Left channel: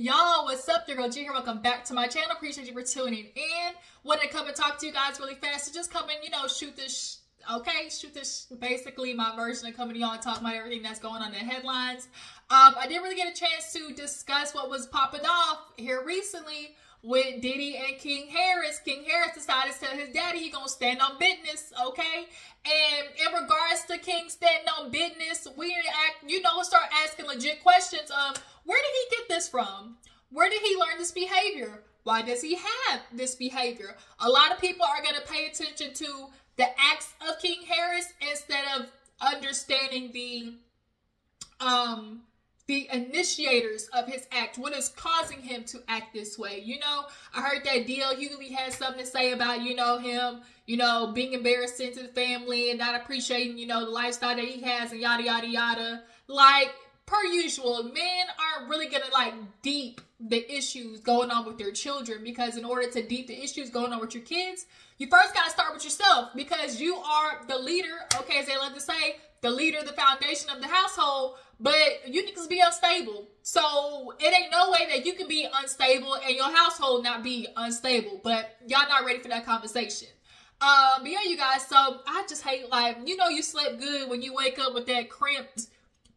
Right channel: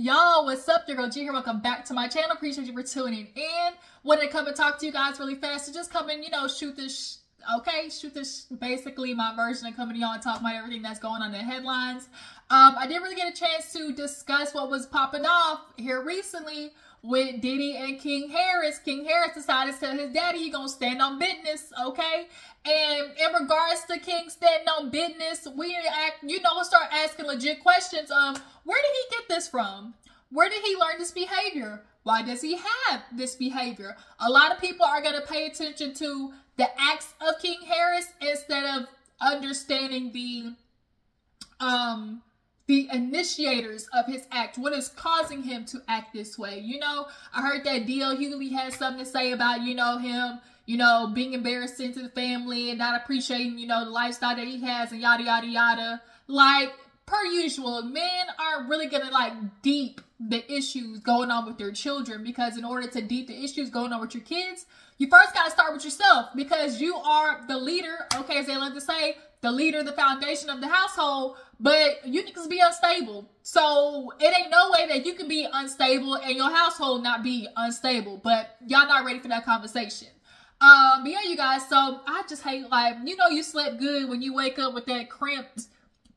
Y'all, what's up? Your girl G here. Welcome back to my channel. Appreciate you for tuning in. Wanted to come and talk to you guys really fast. So just come and, shoot this, basically my version of coming to y'all and talk about everything that's going on in the headlines. I didn't really get a chance to discuss what was popping off here recently with Diddy and King Harris. King Harris decided to tell his daddy he gonna stand on business, okay? And in regards to King standing on business, we'll start asking legit questions of where did he get this from? Where did he learn this behavior? Why does he have this behavior? A lot of people are gonna pay attention to the acts of King Harris instead of understanding the initiators of his act. What is causing him to act this way? I heard that D.L. Hughley had something to say about, him, being embarrassing to the family and not appreciating, the lifestyle that he has and yada, yada, yada. Like, per usual, men are really gonna, deep the issues going on with their children, because in order to deep the issues going on with your kids, you first gotta start with yourself, because you are the leader, okay, as they love to say, the leader, the foundation of the household, but you niggas be unstable. So it ain't no way that you can be unstable and your household not be unstable, but y'all not ready for that conversation. But yeah, you guys, so I just hate, you slept good when you wake up with that crimped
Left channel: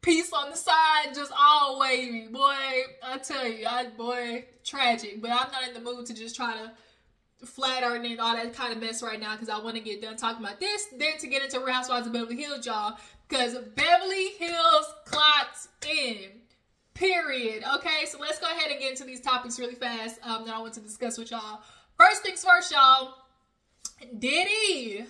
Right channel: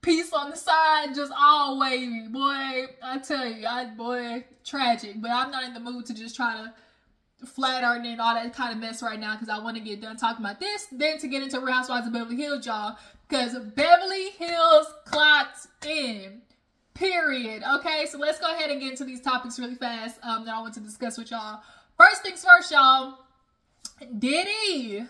piece on the side, just all wavy, boy. I tell you, boy, tragic. But I'm not in the mood to just try to flat iron and all that kind of mess right now, because I want to get done talking about this, then to get into Real Housewives of Beverly Hills, y'all, because Beverly Hills clocked in, period. Okay, so let's go ahead and get into these topics really fast that I want to discuss with y'all. First things first, y'all. Diddy.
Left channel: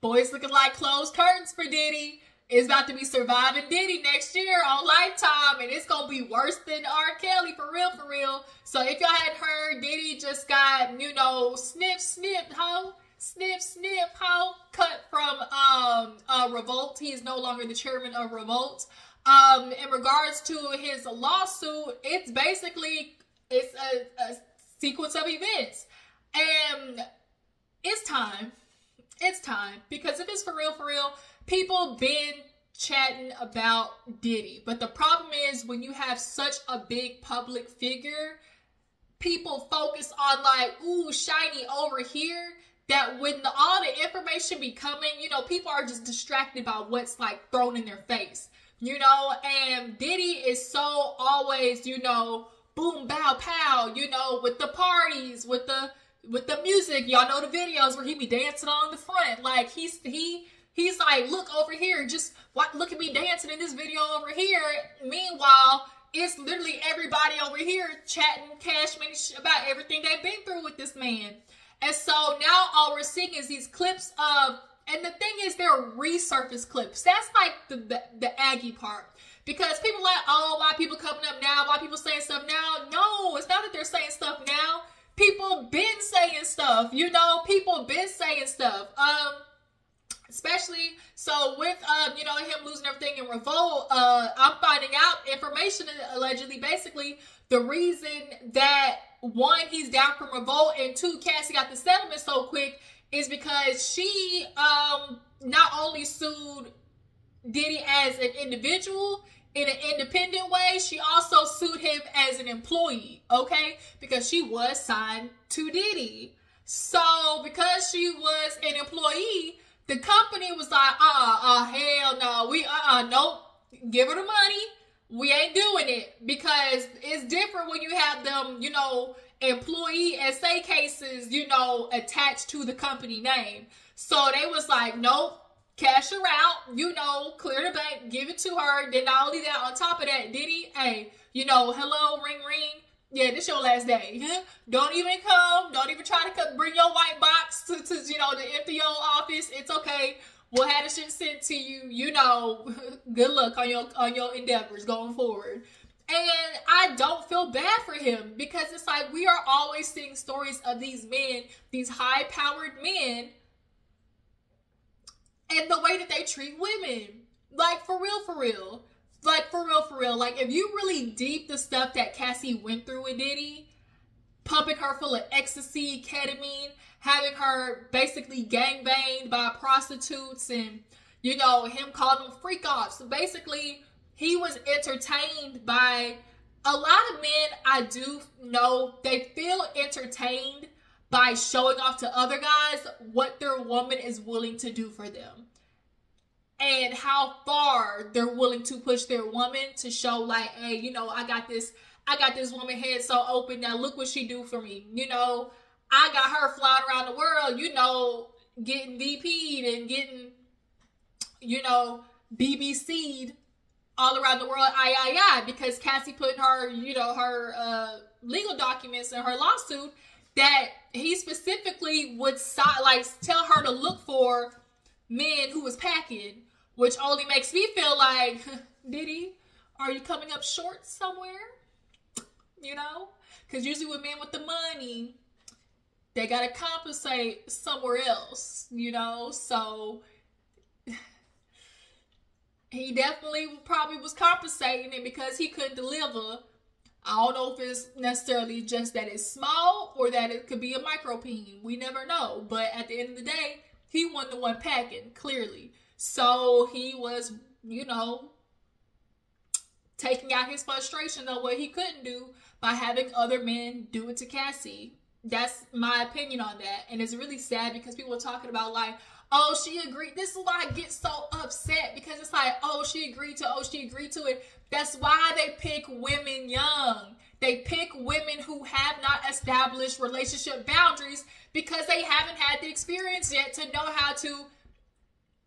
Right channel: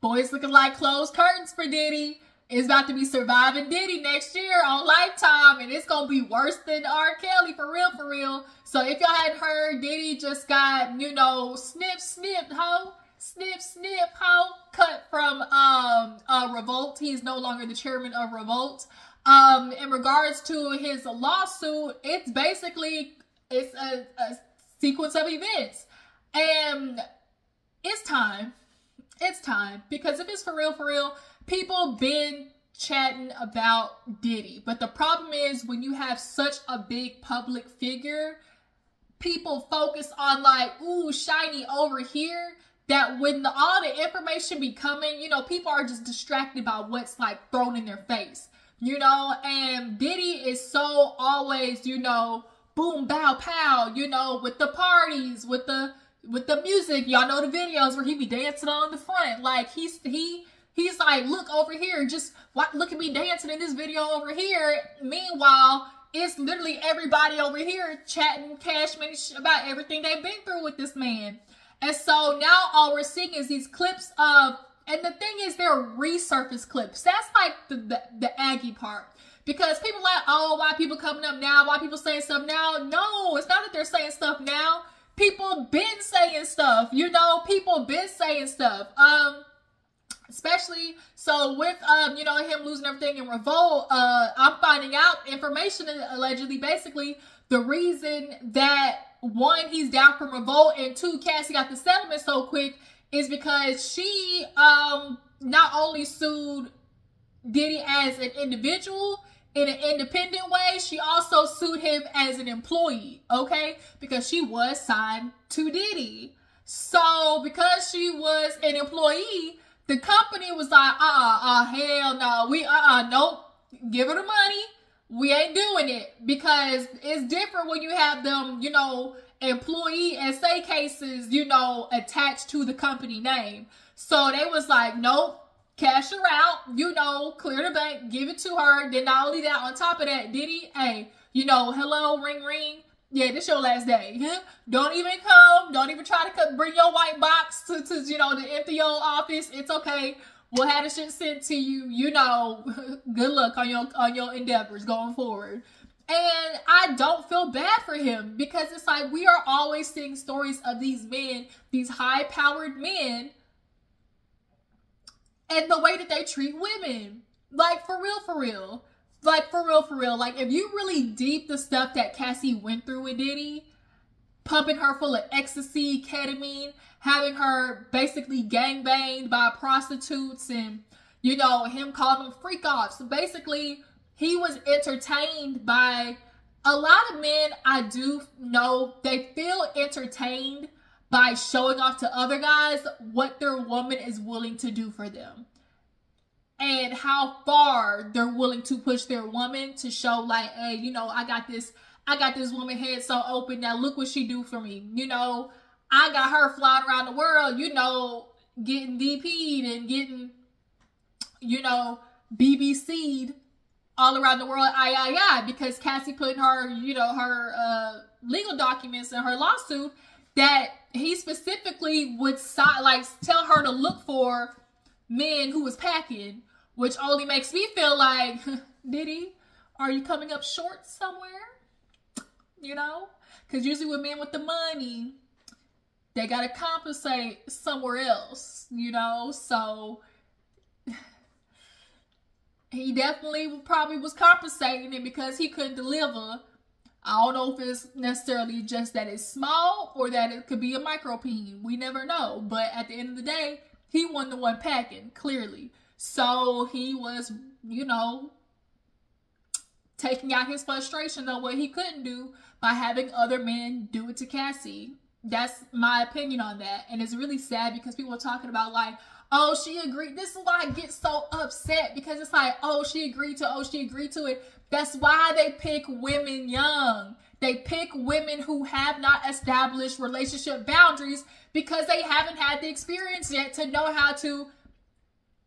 Boys looking like closed curtains for Diddy. It's about to be Surviving Diddy next year on Lifetime, and it's gonna be worse than R. Kelly, for real, for real. So if y'all hadn't heard, Diddy just got, snip, snip, ho, cut from Revolt. He is no longer the chairman of Revolt. In regards to his lawsuit, it's basically, it's a sequence of events, and it's time. It's time, because if it's for real, people been chatting about Diddy. But the problem is, when you have such a big public figure, people focus on ooh, shiny over here, that when all the information be coming, people are just distracted by what's thrown in their face, and Diddy is so always, boom, bow, pow, with the parties, with the music. Y'all know the videos where he be dancing on the front. He's like, look over here, just look at me dancing in this video over here. Meanwhile, it's literally everybody over here chatting cash money about everything they've been through with this man. And so now all we're seeing is these clips of, and the thing is, they're resurfaced clips. That's the Aggie part. Because people oh, why people coming up now? Why people saying stuff now? No, it's not that they're saying stuff now. People been saying stuff, people been saying stuff. Especially, so with, him losing everything in Revolt, I'm finding out information, allegedly, basically, the reason that, one, he's down from Revolt, and two, Cassie got the settlement so quick, is because she, not only sued Diddy as an individual, in an independent way, she also sued him as an employee, okay? Because she was signed to Diddy. So, because she was an employee, the company was like, hell no, nope, give her the money. We ain't doing it, because it's different when you have them, employee SA cases, attached to the company name. So they was like, nope, cash her out, clear the bank, give it to her. Then not only that, on top of that, Diddy, hey, hello, ring, ring. Yeah, this your last day. Don't even come. Don't even try to bring your white box to empty your office. It's okay. We'll have the shit sent to you. Good luck on your endeavors going forward. And I don't feel bad for him, because it's we are always seeing stories of these men, these high-powered men, and the way that they treat women. For real. For real. If you really deep the stuff that Cassie went through with Diddy, pumping her full of ecstasy, ketamine, having her basically gangbanged by prostitutes, and, him calling them freak offs. So basically, he was entertained by a lot of men, I do know, they feel entertained by showing off to other guys what their woman is willing to do for them. And how far they're willing to push their woman to show like, hey, you know, I got this woman head so open. Now look what she do for me. You know, I got her flying around the world, you know, getting DP'd and getting, you know, BBC'd all around the world, because Cassie put her, you know, her legal documents in her lawsuit that he specifically would like tell her to look for men who was packing, which only makes me feel like, Diddy, are you coming up short somewhere? You know, because usually with men with the money, they gotta compensate somewhere else, you know. So he definitely probably was compensating it because he couldn't deliver. I don't know if it's necessarily just that it's small or that it could be a micro peen. We never know. But at the end of the day, he wasn't the one packing, clearly. So he was, you know, taking out his frustration of what he couldn't do by having other men do it to Cassie. That's my opinion on that. And it's really sad because people are talking about like, oh, she agreed. This is why I get so upset, because it's like, oh, she agreed to it. That's why they pick women young. They pick women who have not established relationship boundaries because they haven't had the experience yet to know how to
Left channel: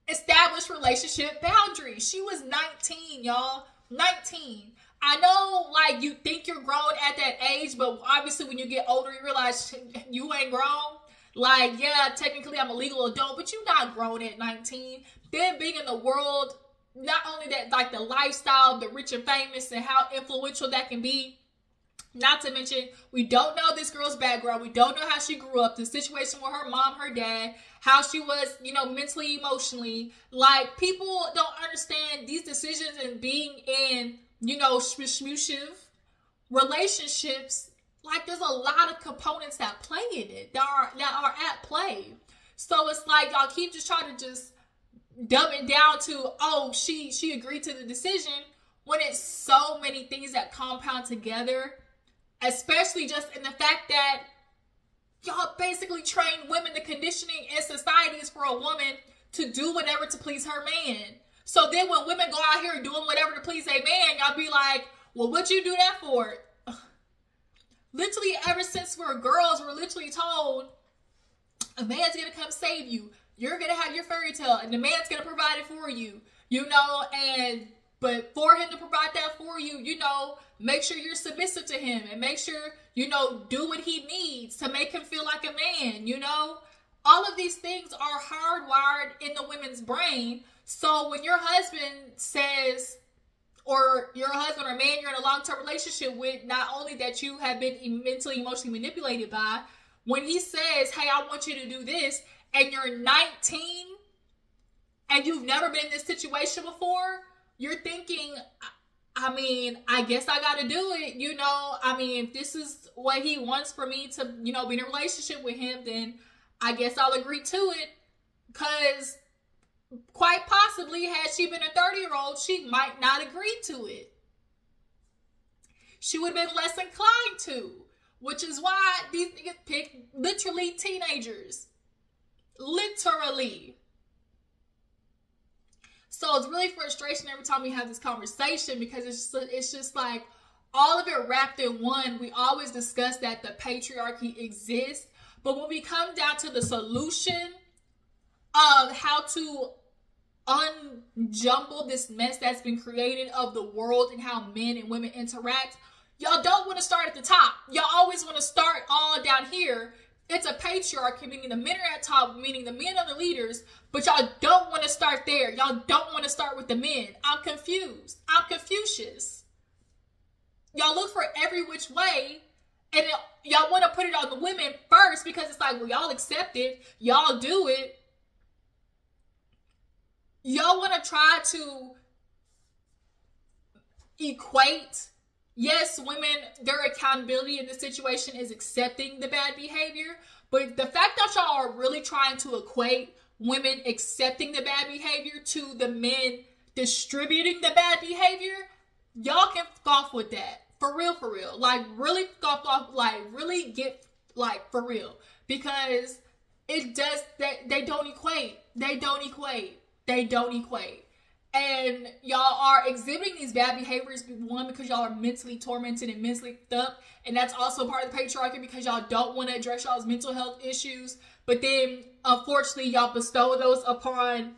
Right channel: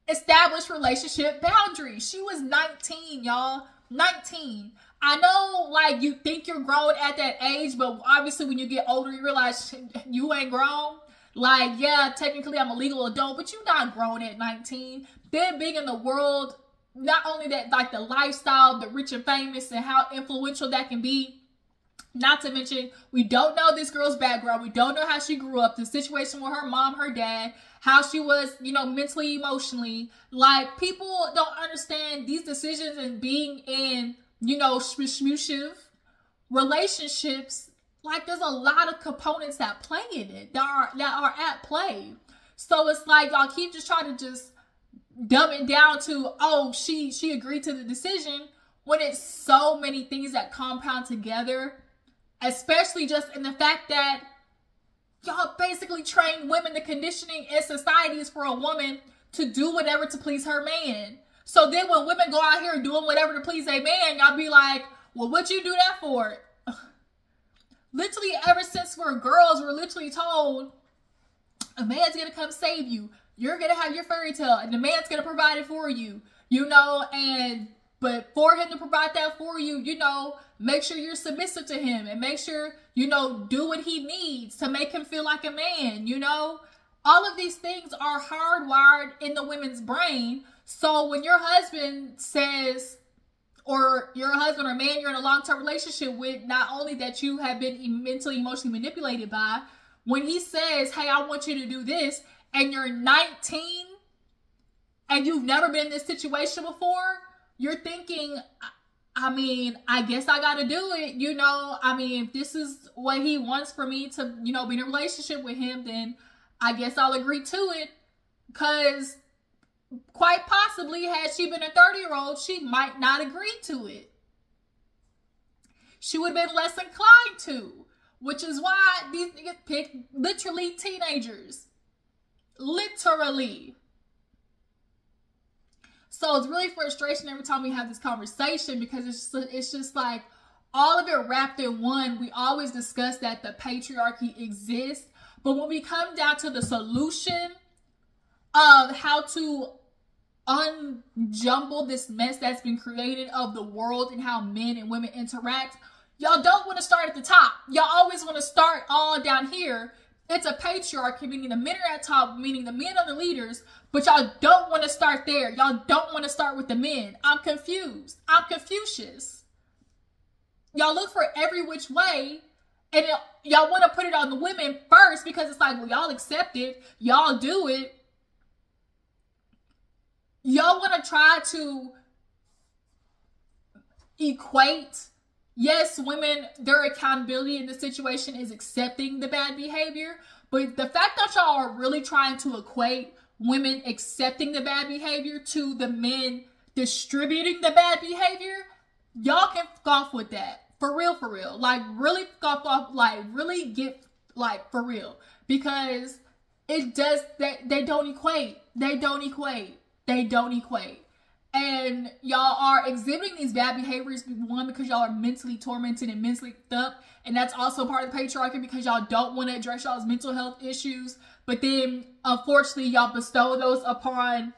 establish relationship boundaries. She was 19, y'all. 19. I know, like, you think you're grown at that age, but obviously when you get older, you realize you ain't grown. Like, yeah, technically I'm a legal adult, but you're not grown at 19. They're big in the world. Not only that, like the lifestyle, the rich and famous, and how influential that can be. Not to mention, we don't know this girl's background. We don't know how she grew up, the situation with her mom, her dad, how she was, you know, mentally, emotionally. Like, people don't understand these decisions and being in, you know, smoochive relationships. Like, there's a lot of components that play in it, that are at play. So it's like y'all keep just trying to just dumb it down to, oh, she agreed to the decision, when it's so many things that compound together, especially just in the fact that y'all basically train women. The conditioning in society is for a woman to do whatever to please her man. So then when women go out here doing whatever to please a man, y'all be like, well, what'd you do that for? Literally, ever since we're girls, we're literally told a man's gonna come save you. You're gonna have your fairy tale, and the man's gonna provide it for you. You know, but for him to provide that for you, you know, make sure you're submissive to him, and make sure, you know, do what he needs to make him feel like a man. You know, all of these things are hardwired in the women's brain. So when your husband says, or your husband or man you're in a long-term relationship with, not only that you have been mentally, emotionally manipulated by, when he says, hey, I want you to do this, and you're 19 and you've never been in this situation before, you're thinking, I mean, I guess I got to do it. You know, I mean, if this is what he wants for me to, you know, be in a relationship with him, then I guess I'll agree to it. Because quite possibly, had she been a 30-year-old, she might not agree to it. She would have been less inclined to, which is why these niggas pick literally teenagers. Literally. So it's really frustration every time we have this conversation, because it's just like all of it wrapped in one. We always discuss that the patriarchy exists, but when we come down to the solution of how to unjumble this mess that's been created of the world and how men and women interact, y'all don't want to start at the top. Y'all always want to start all down here. It's a patriarchy, meaning the men are at top, meaning the men are the leaders, but y'all don't want to start there. Y'all don't want to start with the men. I'm confused. I'm Confucius. Y'all look for every which way, and y'all want to put it on the women first, because it's like, well, y'all accept it. Y'all do it. Y'all want to try to equate, yes, women, their accountability in this situation is accepting the bad behavior. But the fact that y'all are really trying to equate women accepting the bad behavior to the men distributing the bad behavior, y'all can scoff with that. For real. Like, really off, like, really get, like, for real. Because it does, they don't equate. They don't equate. And y'all are exhibiting these bad behaviors, one, because y'all are mentally tormented and mentally up. And that's also part of the patriarchy, because y'all don't want to address y'all's mental health issues. But then, unfortunately, y'all bestow those upon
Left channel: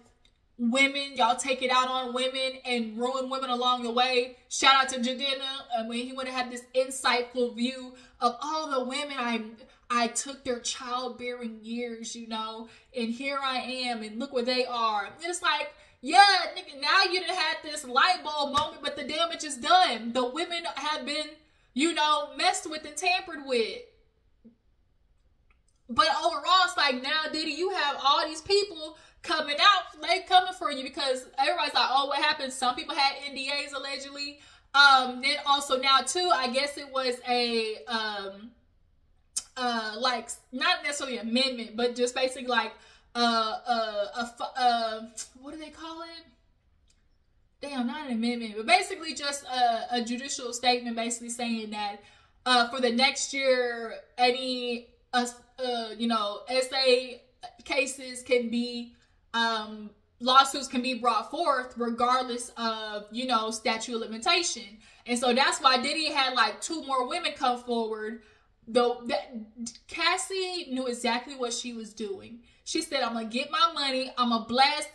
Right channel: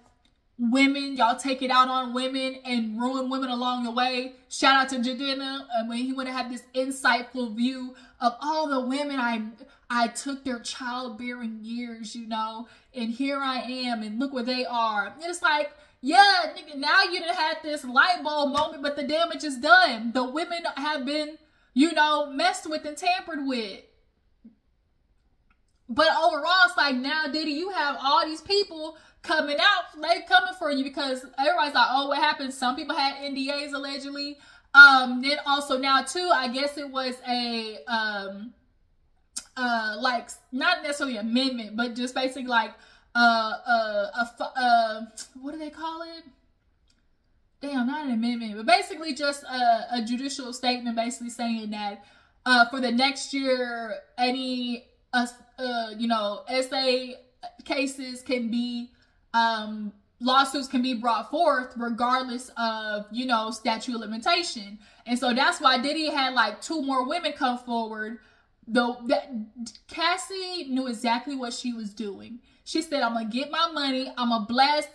women. Y'all take it out on women and ruin women along the way. Shout out to Jadena. When he would have had this insightful view of all the women I took their childbearing years, you know, and here I am, and look where they are. And it's like, yeah, nigga, now you done had this light bulb moment, but the damage is done. The women have been, you know, messed with and tampered with. But overall, it's like, now, Diddy, you have all these people coming out. They coming for you, because everybody's like, oh, what happened? Some people had NDAs, allegedly. Then also now, too, I guess it was a, like, not necessarily amendment, but just basically like, what do they call it? Damn, not an amendment, but basically just a judicial statement, basically saying that for the next year, any you know, SA cases can be, lawsuits can be brought forth regardless of, you know, statute of limitation. And so that's why Diddy had like 2 more women come forward. Though that Cassie knew exactly what she was doing. She said, I'm going to get my money, I'm going to blast,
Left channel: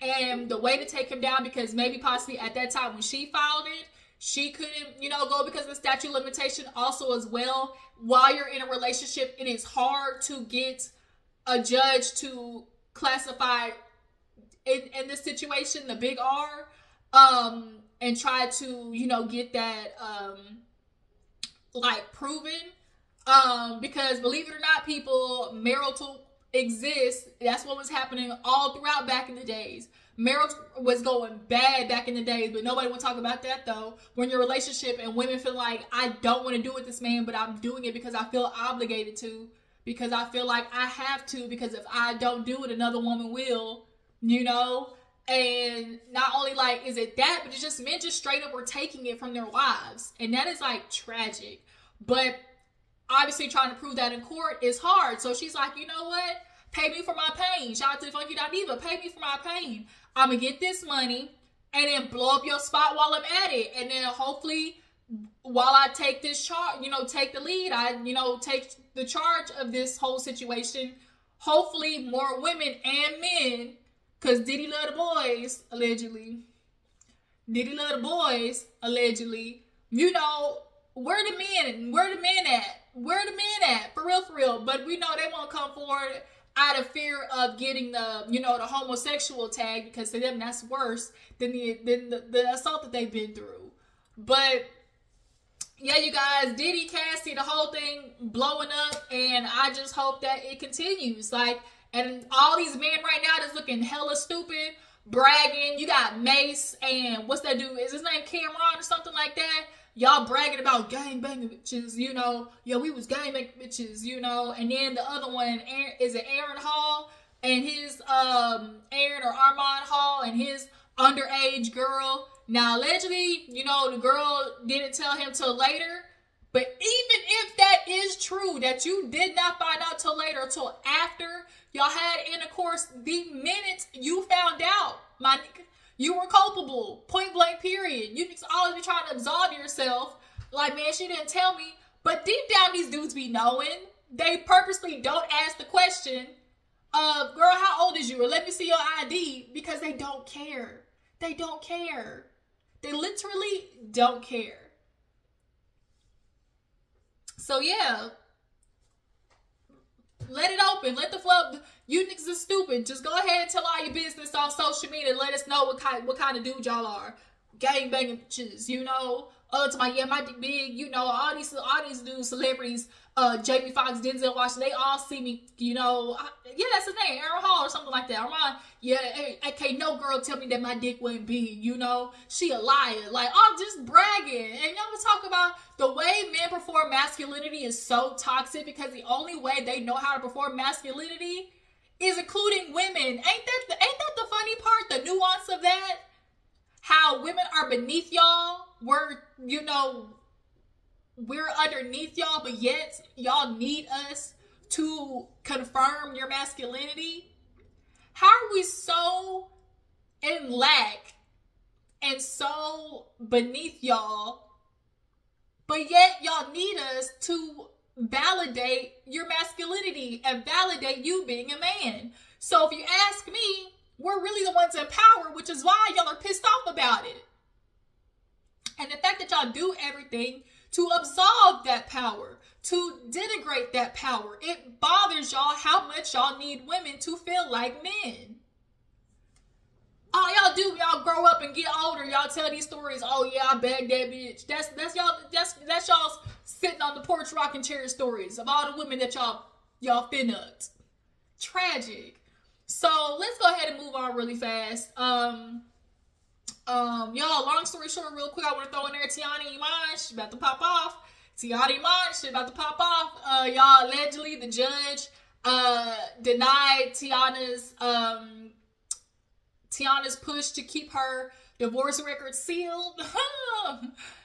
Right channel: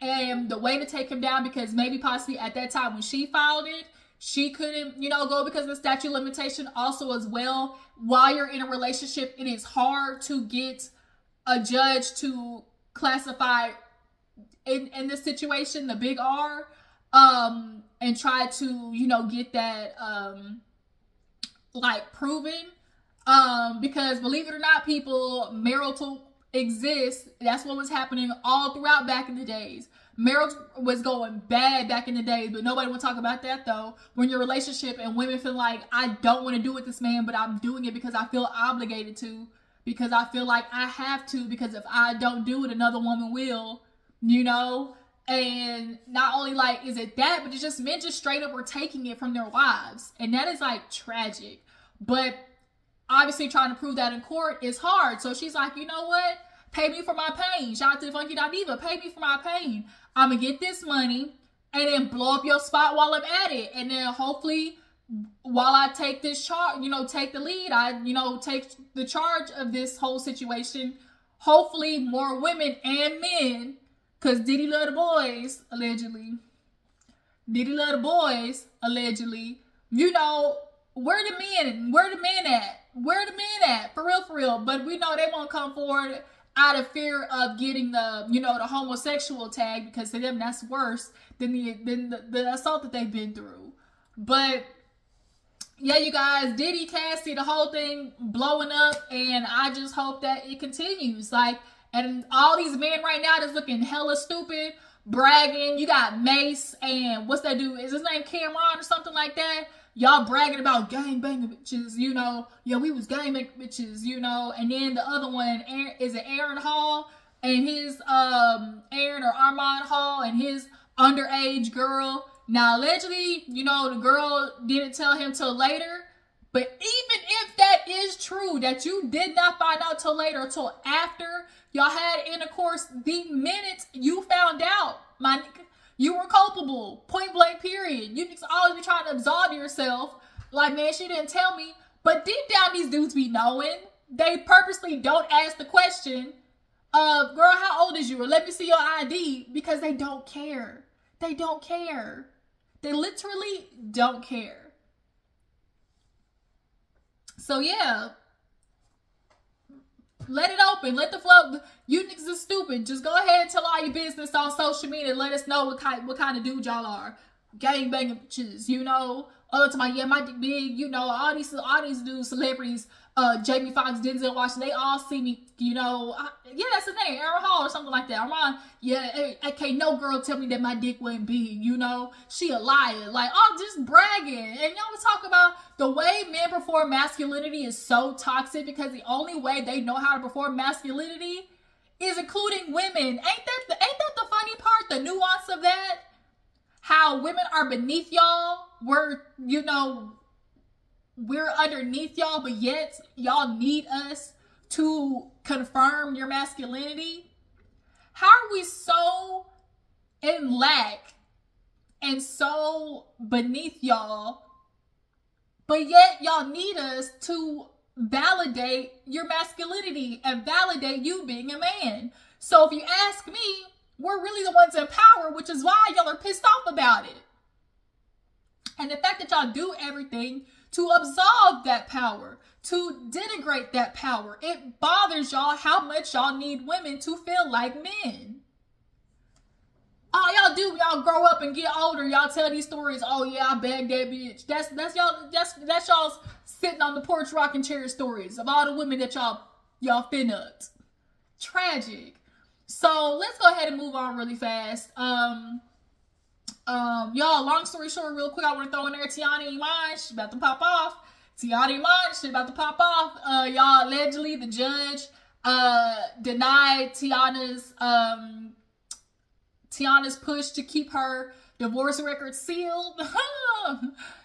and the way to take him down, because maybe possibly at that time when she filed it, she couldn't, you know, go because of the statute of limitation. Also as well, while you're in a relationship, it is hard to get a judge to classify in this situation, the big R, and try to, you know, get that, like, proven. Because believe it or not, people, marital exists. That's what was happening all throughout back in the days. Marriage was going bad back in the days, but nobody would talk about that though. When your relationship and women feel like, I don't want to do with this man, but I'm doing it because I feel obligated to, because I feel like I have to, because if I don't do it, another woman will, you know? And not only like, is it that, but it's just men just straight up were taking it from their wives. And that is like tragic. But obviously trying to prove that in court is hard. So she's like, you know what? Pay me for my pain. Shout out to Funky Diva. Pay me for my pain. I'm going to get this money and then blow up your spot while I'm at it. And then hopefully while I take this charge, you know, take the lead, I, you know, take the charge of this whole situation. Hopefully more women and men, because Diddy love the boys, allegedly. Diddy love the boys, allegedly. You know, where the men at? Where the men at? For real. But we know they won't come forward out of fear of getting the, you know, the homosexual tag, because to them that's worse than the assault that they've been through. But yeah, you guys, Diddy, Cassie, the whole thing blowing up, and I just hope that it continues. Like, and all these men right now that's looking hella stupid, bragging. You got Mace and what's that dude? Is his name Cameron or something like that? Y'all bragging about gang banging bitches, you know. Yeah, we was gang banging bitches, you know. And then the other one, is it Aaron Hall and his, Aaron or Armand Hall and his underage girl. Now, allegedly, you know, the girl didn't tell him till later. But even if that is true, that you did not find out till later, till after y'all had intercourse, the minute you found out, my nigga, you were culpable. Point blank, period. You just always be trying to absolve yourself. Like, man, she didn't tell me. But deep down, these dudes be knowing. They purposely don't ask the question of, girl, how old is you? Or let me see your ID. Because they don't care. They don't care. They literally don't care. So, yeah. Let it open. Let the flow. You niggas are stupid. Just go ahead and tell all your business on social media and let us know what kind of dude y'all are. Gang banging bitches, you know. To my, yeah, my dick big, you know. All these dudes, celebrities, Jamie Foxx, Denzel Washington, they all see me, you know. Yeah, that's his name, Aaron Hall or something like that. Armand, yeah, hey, can't no girl tell me that my dick wasn't big, you know. She a liar. Like, oh, just bragging. And y'all was talking about the way men perform masculinity is so toxic, because the only way they know how to perform masculinity is including women. Ain't that the funny part, the nuance of that? How women are beneath y'all, where, you know, we're underneath y'all, but yet y'all need us to confirm your masculinity? How are we so in lack and so beneath y'all, but yet y'all need us to validate your masculinity and validate you being a man? So if you ask me, we're really the ones in power, which is why y'all are pissed off about it. And the fact that y'all do everything to absolve that power, to denigrate that power, it bothers y'all how much y'all need women to feel like men. All y'all do, y'all grow up and get older, y'all tell these stories. Oh yeah, I bagged that bitch. That's y'all's sitting on the porch rocking chair stories of all the women that y'all fin-upped. Tragic. So let's go ahead and move on really fast. Y'all, long story short, real quick, I want to throw in there Teyana Iman. She's about to pop off. Teyana Iman, she's about to pop off. Y'all, allegedly the judge denied Teyana's push to keep her divorce record sealed.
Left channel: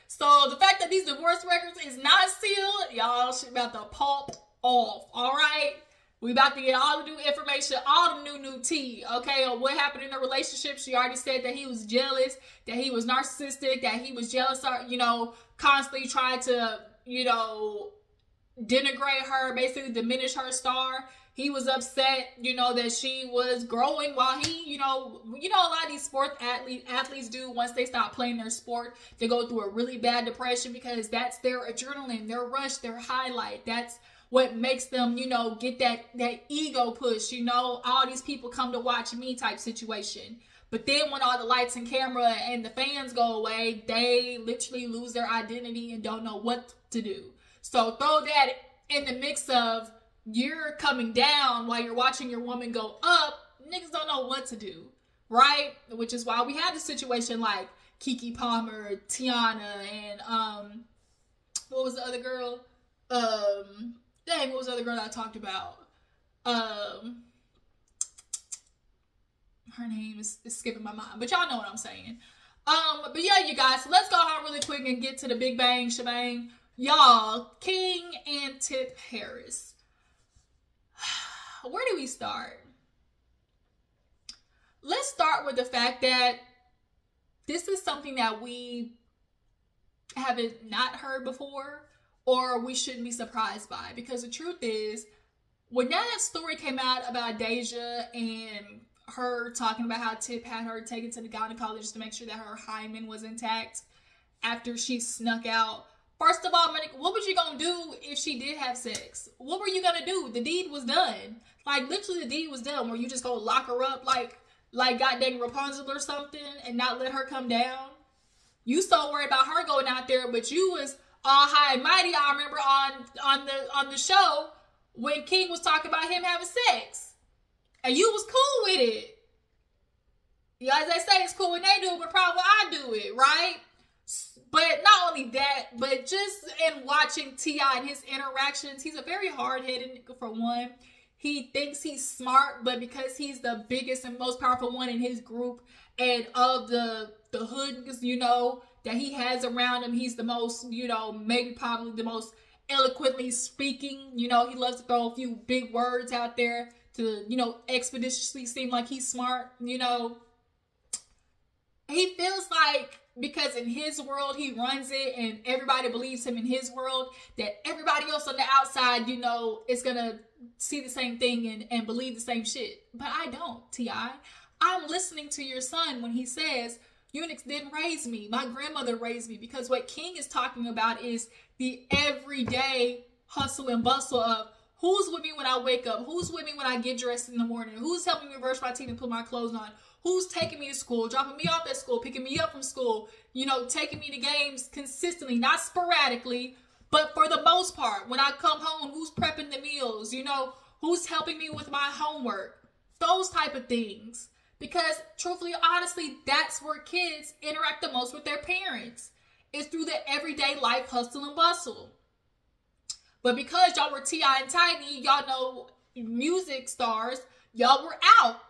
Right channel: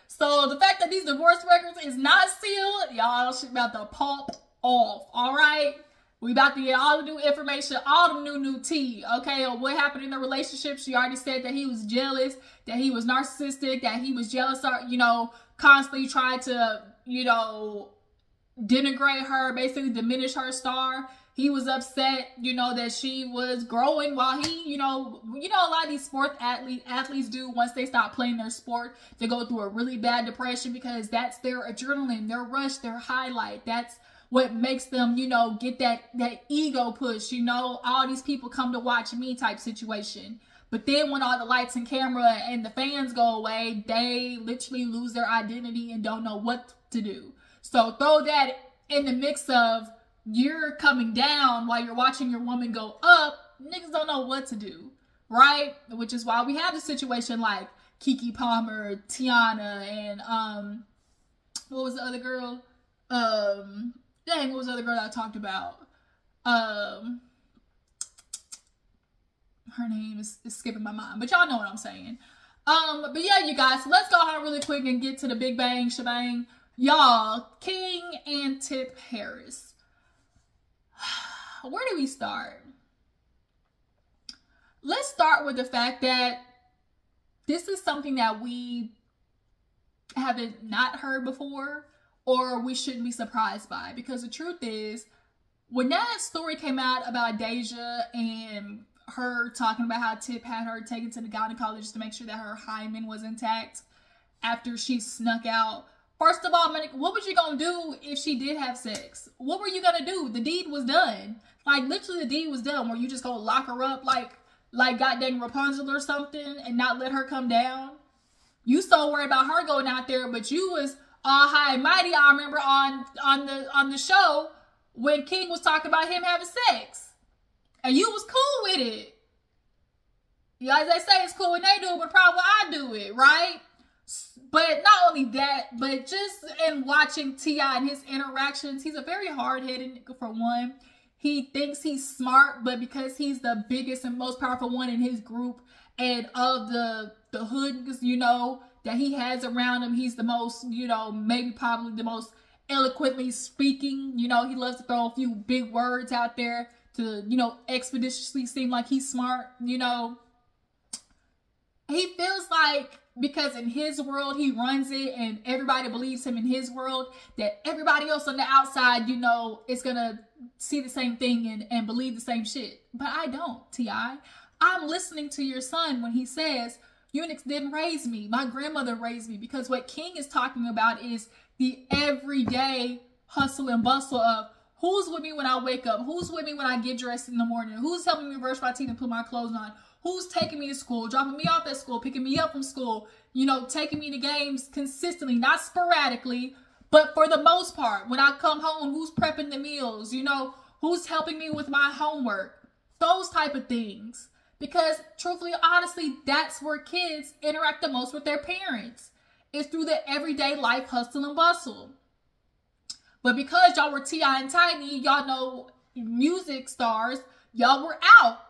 So the fact that these divorce records is not sealed, y'all, she's about to pop off. All right. We about to get all the new information, all the new tea, okay, on what happened in the relationship. She already said that he was jealous, that he was narcissistic, that he was jealous, you know, constantly trying to, you know, denigrate her, basically diminish her star. He was upset, you know, that she was growing while he, you know, a lot of these sport athletes do once they stop playing their sport. They go through a really bad depression because that's their adrenaline, their rush, their highlight. That's what makes them, you know, get that ego push, you know, all these people come to watch me type situation. But then when all the lights and camera and the fans go away, they literally lose their identity and don't know what to do. So throw that in the mix of you're coming down while you're watching your woman go up, niggas don't know what to do, right? Which is why we have the situation like Keke Palmer, Teyana, and what was the other girl? Dang, what was the other girl that I talked about? Her name is skipping my mind, but y'all know what I'm saying. But yeah, you guys, so let's go on really quick and get to the big bang shebang. Y'all, King and Tip Harris. Where do we start? Let's start with the fact that this is something that we haven't not heard before, or we shouldn't be surprised by, because the truth is, when that story came out about Deja and her talking about how Tip had her taken to the gynecologist to make sure that her hymen was intact after she snuck out. First of all, what was you gonna do if she did have sex? What were you gonna do? The deed was done. Like, literally the deed was done. Were you just gonna lock her up like goddamn Rapunzel or something and not let her come down? You so worried about her going out there, but you was all high and mighty. I remember on the show when King was talking about him having sex, and you was cool with it. Yeah, as they say, it's cool when they do it, but probably I do it, right? But not only that, but just in watching T.I. and his interactions, he's a very hard-headed nigga for one. He thinks he's smart, but because he's the biggest and most powerful one in his group and of the hood, you know, that he has around him, he's the most, you know, maybe probably the most eloquently speaking. You know, he loves to throw a few big words out there to, you know, expeditiously seem like he's smart, you know. He feels like, because in his world, he runs it and everybody believes him in his world, that everybody else on the outside, you know, is going to see the same thing and believe the same shit. But I don't, T.I. I'm listening to your son when he says, eunuchs didn't raise me. My grandmother raised me. Because what King is talking about is the everyday hustle and bustle of who's with me when I wake up? Who's with me when I get dressed in the morning? Who's helping me brush my teeth and put my clothes on? Who's taking me to school, dropping me off at school, picking me up from school, you know, taking me to games consistently, not sporadically, but for the most part. When I come home, who's prepping the meals, you know, who's helping me with my homework, those type of things. Because truthfully, honestly, that's where kids interact the most with their parents. It's through the everyday life hustle and bustle. But because y'all were T.I. and Tiny, y'all know music stars, y'all were out.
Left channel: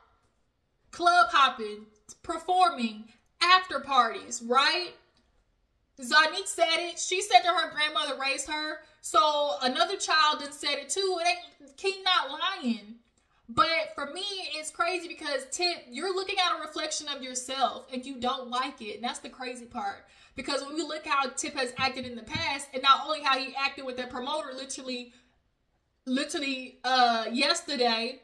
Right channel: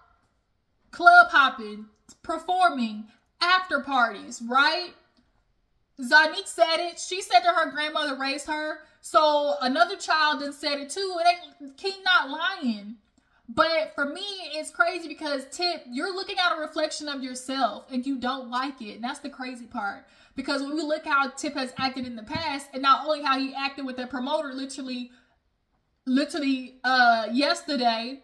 Club hopping, performing, after parties, right? Zanique said it. She said that her grandmother raised her. So another child then said it too. It ain't, King not lying. But for me, it's crazy because Tip, you're looking at a reflection of yourself and you don't like it. And that's the crazy part. Because when we look how Tip has acted in the past, and not only how he acted with that promoter literally yesterday,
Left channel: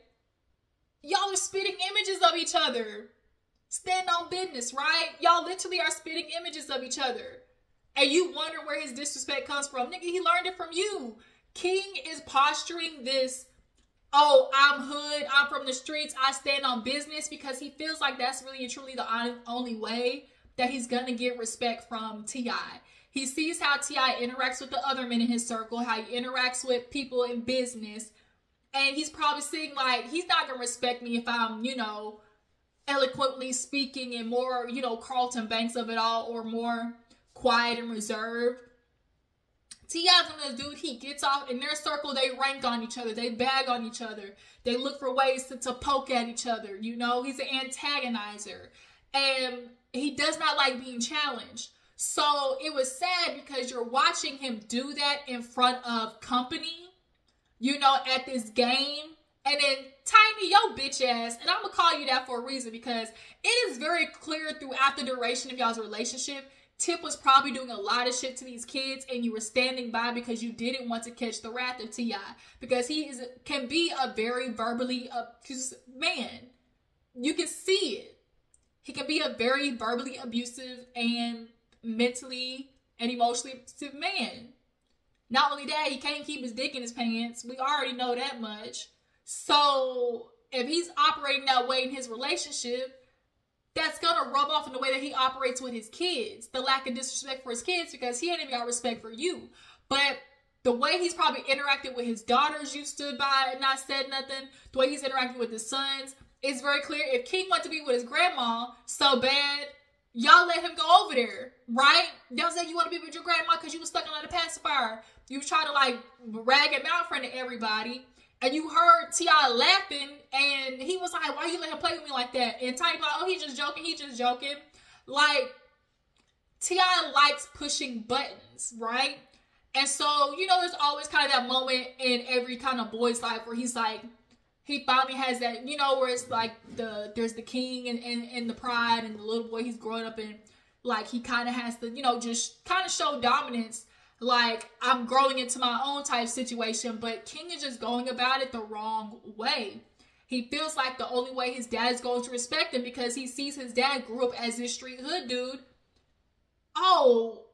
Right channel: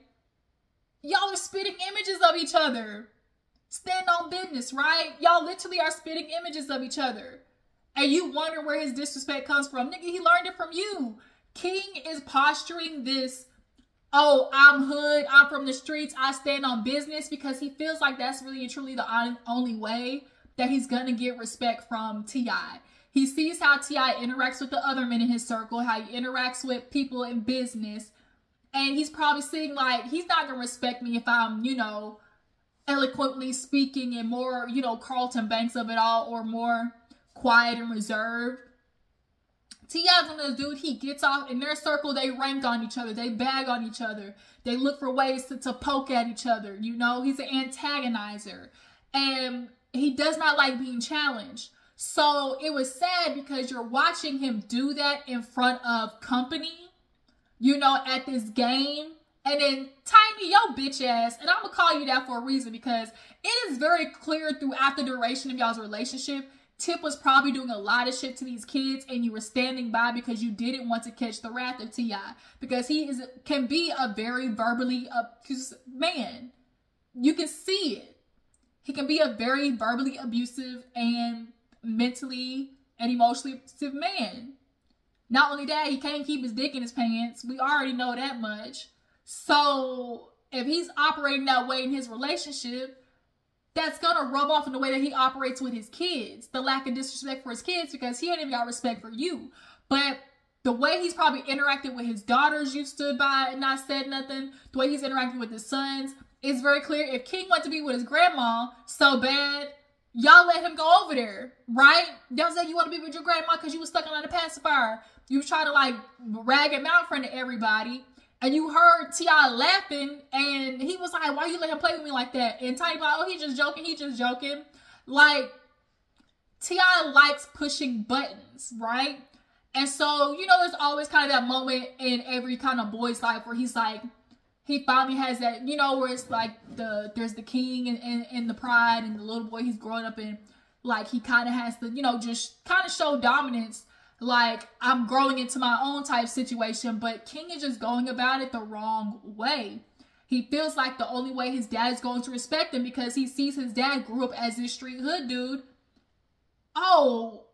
y'all are spitting images of each other. Stand on business, right? Y'all literally are spitting images of each other. And you wonder where his disrespect comes from. Nigga, he learned it from you. King is posturing this, oh, I'm hood, I'm from the streets, I stand on business, because he feels like that's really and truly the only way that he's gonna get respect from T.I. He sees how T.I interacts with the other men in his circle, how he interacts with people in business, and he's probably seeing like, he's not gonna respect me if I'm, you know, eloquently speaking and more, you know, Carlton Banks of it all, or more quiet and reserved. T.I.'s one of those dudes, he gets off in their circle, they rank on each other, they bag on each other, they look for ways to poke at each other, you know, he's an antagonizer, and he does not like being challenged. So it was sad because you're watching him do that in front of company, you know, at this game. And then Tiny, yo bitch ass, and I'm gonna call you that for a reason, because it is very clear throughout the duration of y'all's relationship, Tip was probably doing a lot of shit to these kids, and you were standing by because you didn't want to catch the wrath of T.I. Because he can be a very verbally man. You can see it. He can be a very verbally abusive and mentally and emotionally abusive man. Not only that, he can't keep his dick in his pants. We already know that much. So if he's operating that way in his relationship, that's gonna rub off in the way that he operates with his kids. The lack of disrespect for his kids, because he ain't even got respect for you. But the way he's probably interacted with his daughters, you stood by and not said nothing. The way he's interacting with his sons, it's very clear. If King wants to be with his grandma so bad, y'all let him go over there, right? Don't say you want to be with your grandma because you was stuck on the pacifier. You was trying to like rag him out in front of everybody. And you heard T.I laughing, and he was like, why you let him play with me like that? And Tiny like, oh, he just joking. Like, T.I likes pushing buttons, right? And so, you know, there's always kind of that moment in every kind of boy's life where he's like, he finally has that, you know, where it's like there's the king and the pride, and the little boy he's growing up in, like, he kind of has to, you know, just kind of show dominance. Like, I'm growing into my own type situation, but King is just going about it the wrong way. He feels like the only way his dad is going to respect him, because he sees his dad grew up as this street hood dude. Oh,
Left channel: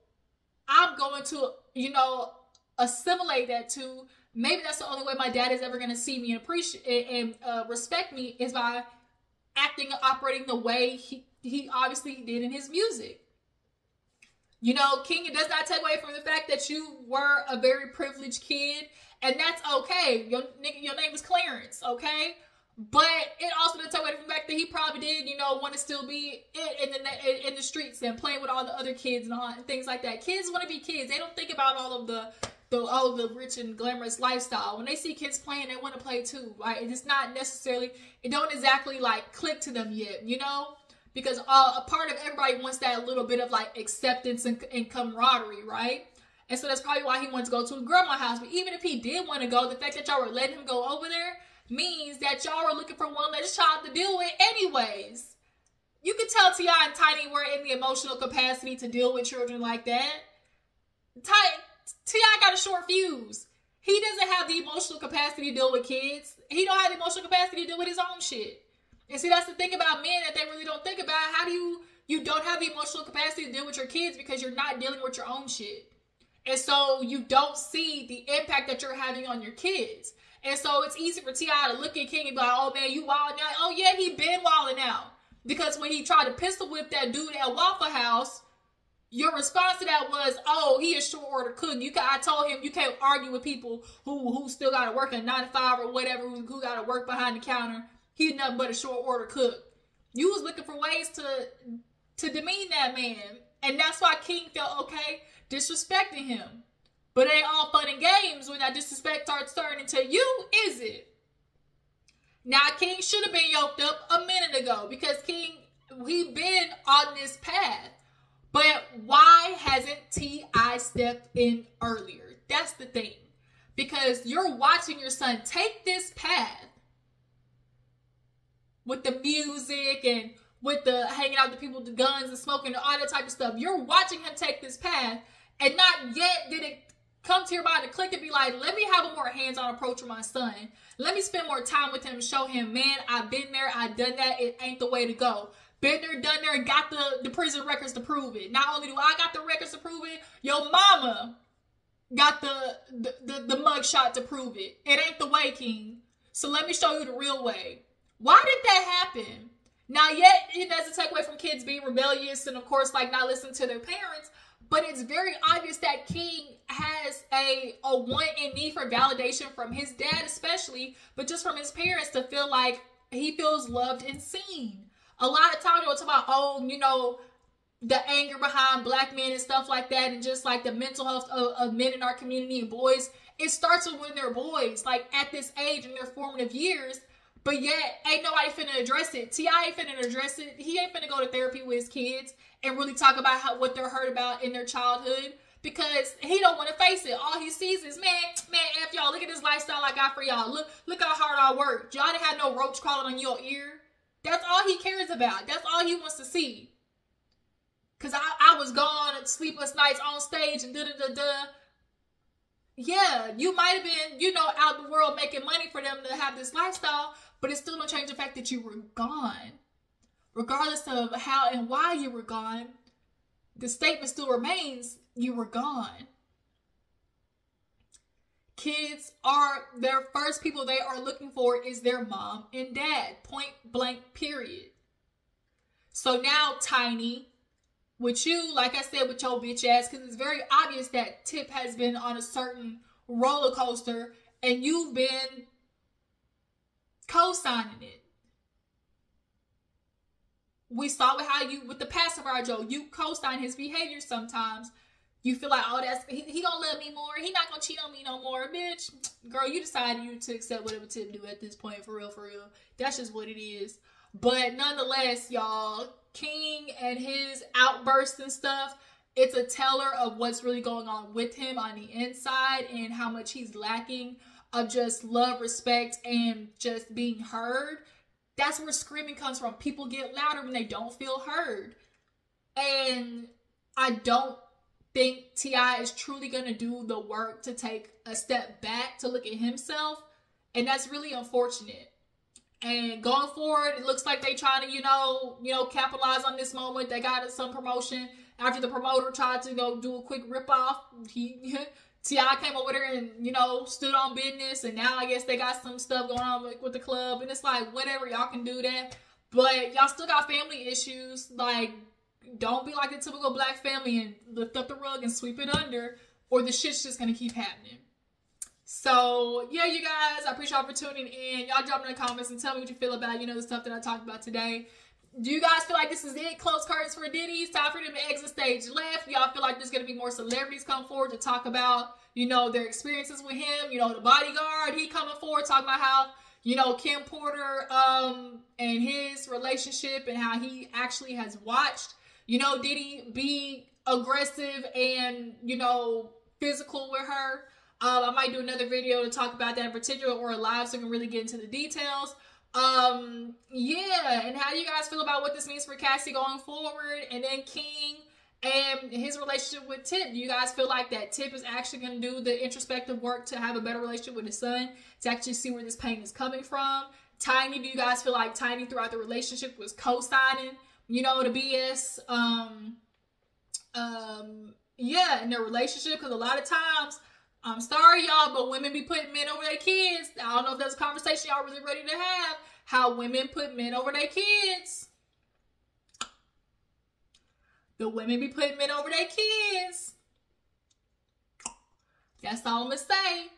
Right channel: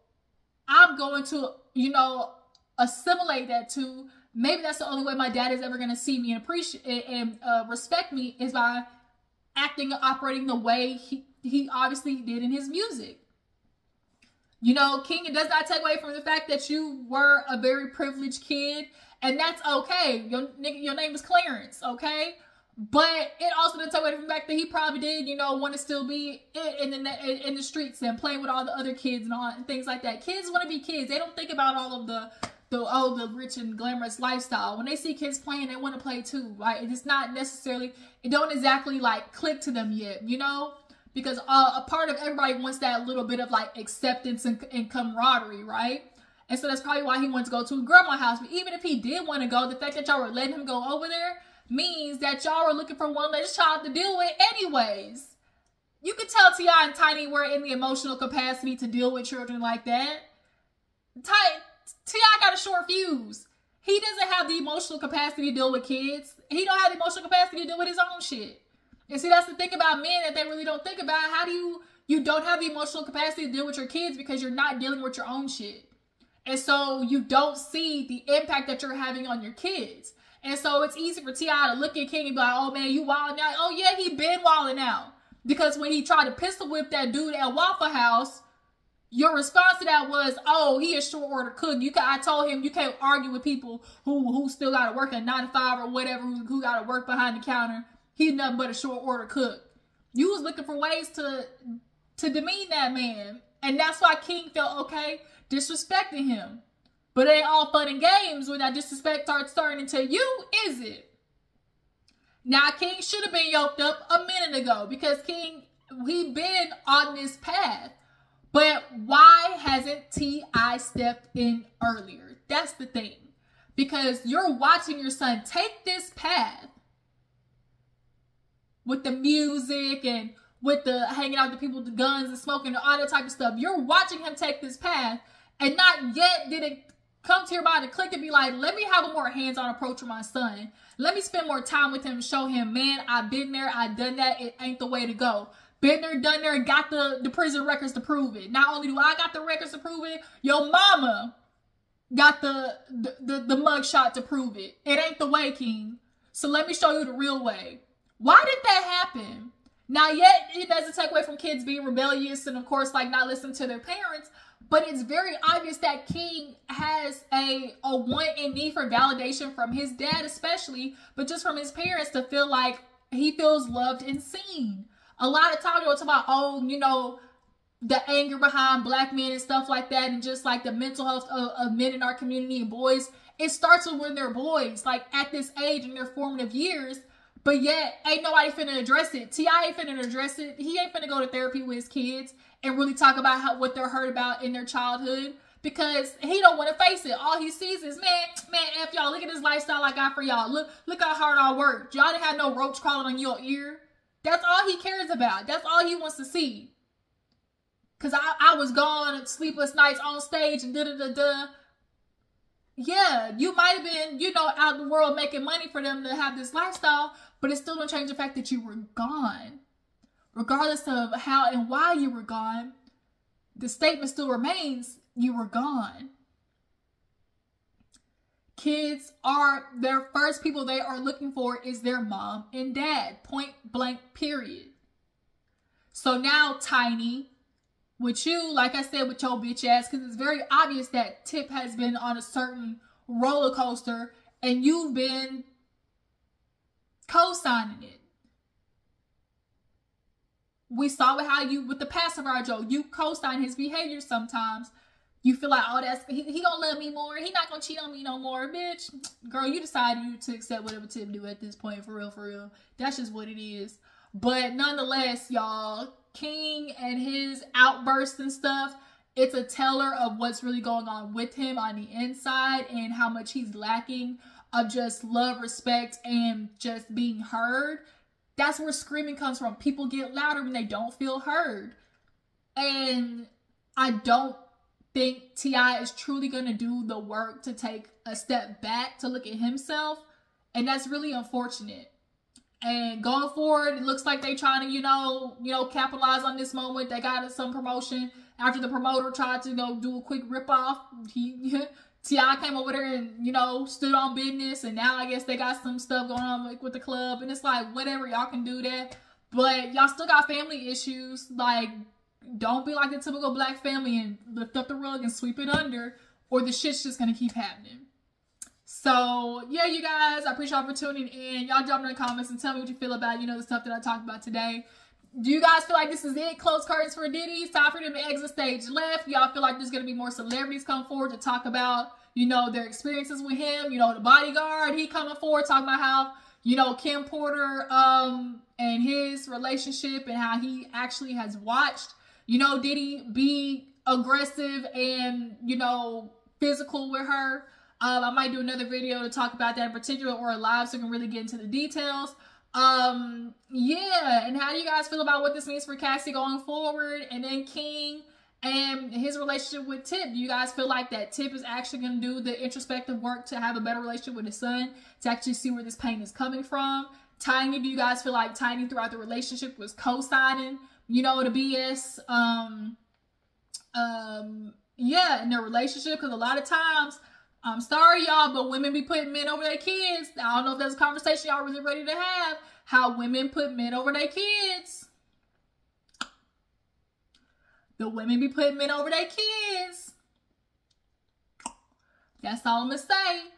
I'm going to, you know, assimilate that to, maybe that's the only way my dad is ever going to see me and appreciate and respect me, is by acting and operating the way he obviously did in his music. You know, King, it does not take away from the fact that you were a very privileged kid, and that's okay. Your name is Clarence, okay? But it also doesn't take away from the fact that he probably did, you know, want to still be in the streets and playing with all the other kids and things like that. Kids want to be kids. They don't think about all of the rich and glamorous lifestyle. When they see kids playing, they want to play too, right? It's not necessarily, it don't exactly like click to them yet, you know? Because a part of everybody wants that little bit of like acceptance and camaraderie, right? And so that's probably why he wanted to go to his grandma's house. But even if he did want to go, the fact that y'all were letting him go over there means that y'all were looking for one less child to deal with anyways. You can tell T.I and Tiny were in the emotional capacity to deal with children like that. T.I got a short fuse. He doesn't have the emotional capacity to deal with kids. He don't have the emotional capacity to deal with his own shit. And see, that's the thing about men that they really don't think about. How do you don't have the emotional capacity to deal with your kids because you're not dealing with your own shit. And so you don't see the impact that you're having on your kids. And so it's easy for T.I to look at King and be like, oh man, you wilding out. Oh yeah, he been wilding out. Because when he tried to pistol whip that dude at Waffle House, your response to that was, oh, he a short order cook. I told him you can't argue with people who still got to work at 9 to 5 or whatever, who got to work behind the counter. He's nothing but a short order cook. You was looking for ways to demean that man. And that's why King felt okay disrespecting him. But it ain't all fun and games when that disrespect starts turning to you, is it? Now, King should have been yoked up a minute ago, because King, he been on this path. But why hasn't T.I stepped in earlier? That's the thing. Because you're watching your son take this path with the music and with the hanging out with the people with the guns and smoking and all that type of stuff. You're watching him take this path, and not yet did it come to your mind to click and be like, let me have a more hands-on approach with my son. Let me spend more time with him and show him, man, I've been there, I've done that, it ain't the way to go. Been there, done there, got the prison records to prove it. Not only do I got the records to prove it, your mama got the mugshot to prove it. It ain't the way, King. So let me show you the real way. Why did that happen? Now, yet, it doesn't take away from kids being rebellious and, of course, like, not listening to their parents. But it's very obvious that King has a want and need for validation from his dad especially, but just from his parents to feel like he feels loved and seen. A lot of times, we'll talk about, oh, you know, the anger behind black men and stuff like that, and just like the mental health of men in our community and boys. It starts with when they're boys, like at this age in their formative years, but yet ain't nobody finna address it. T.I ain't finna address it. He ain't finna go to therapy with his kids and really talk about what they're hurt about in their childhood, because he don't want to face it. All he sees is, man, F y'all, look at this lifestyle I got for y'all. Look how hard I worked. Y'all didn't have no roach crawling on your ear. That's all he cares about. That's all he wants to see. Because I was gone, sleepless nights on stage and da-da-da-da. Yeah, you might have been, you know, out in the world making money for them to have this lifestyle, but it still don't change the fact that you were gone. Regardless of how and why you were gone, the statement still remains, you were gone. Kids are, their first people they are looking for is their mom and dad. Point blank, period. So now, Tiny, with you, like I said, with your bitch ass, because it's very obvious that Tip has been on a certain roller coaster and you've been co-signing it. We saw how you, with the pacifier Joe, you co-sign his behavior sometimes. You feel like, oh, that's he gonna love me more. He not gonna cheat on me no more, bitch. Girl, you decided you to accept whatever Tip do at this point, for real, for real. That's just what it is. But nonetheless, y'all, King and his outbursts and stuff, it's a teller of what's really going on with him on the inside and how much he's lacking of just love, respect, and just being heard. That's where screaming comes from. People get louder when they don't feel heard. And I don't think T.I is truly going to do the work to take a step back to look at himself. And that's really unfortunate. And going forward, it looks like they trying to, you know, capitalize on this moment. They got some promotion. After the promoter tried to, do a quick ripoff, T.I came over there and, stood on business. And now I guess they got some stuff going on with the club. And it's like, whatever, y'all can do that. But y'all still got family issues. Like, don't be like the typical black family and lift up the rug and sweep it under, or the shit's just going to keep happening. So, yeah, you guys, I appreciate y'all for tuning in. Y'all drop in the comments and tell me what you feel about, the stuff that I talked about today. Do you guys feel like this is it? Close curtains for Diddy. It's time for them to exit stage left. Y'all feel like there's going to be more celebrities come forward to talk about, their experiences with him. The bodyguard, he coming forward talking about how, Kim Porter and his relationship and how he actually has watched, Diddy be aggressive and, physical with her. I might do another video to talk about that in particular, or a live, so I can really get into the details. Yeah, and how do you guys feel about what this means for Cassie going forward? And then King and his relationship with Tip. Do you guys feel like that Tip is actually going to do the introspective work to have a better relationship with his son, to actually see where this pain is coming from? Tiny, do you guys feel like Tiny throughout the relationship was co-signing, the BS? Yeah, in their relationship, because a lot of times, I'm sorry, y'all, but women be putting men over their kids. I don't know if that's a conversation y'all really ready to have. How women put men over their kids. The women be putting men over their kids. That's all I'm going to say.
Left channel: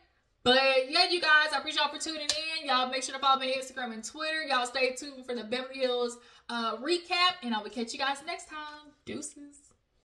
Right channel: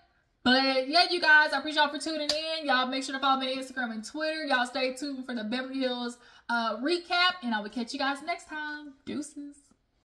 But, yeah, you guys, I appreciate y'all for tuning in. Y'all make sure to follow me on Instagram and Twitter. Y'all stay tuned for the Beverly Hills recap. And I will catch you guys next time. Deuces.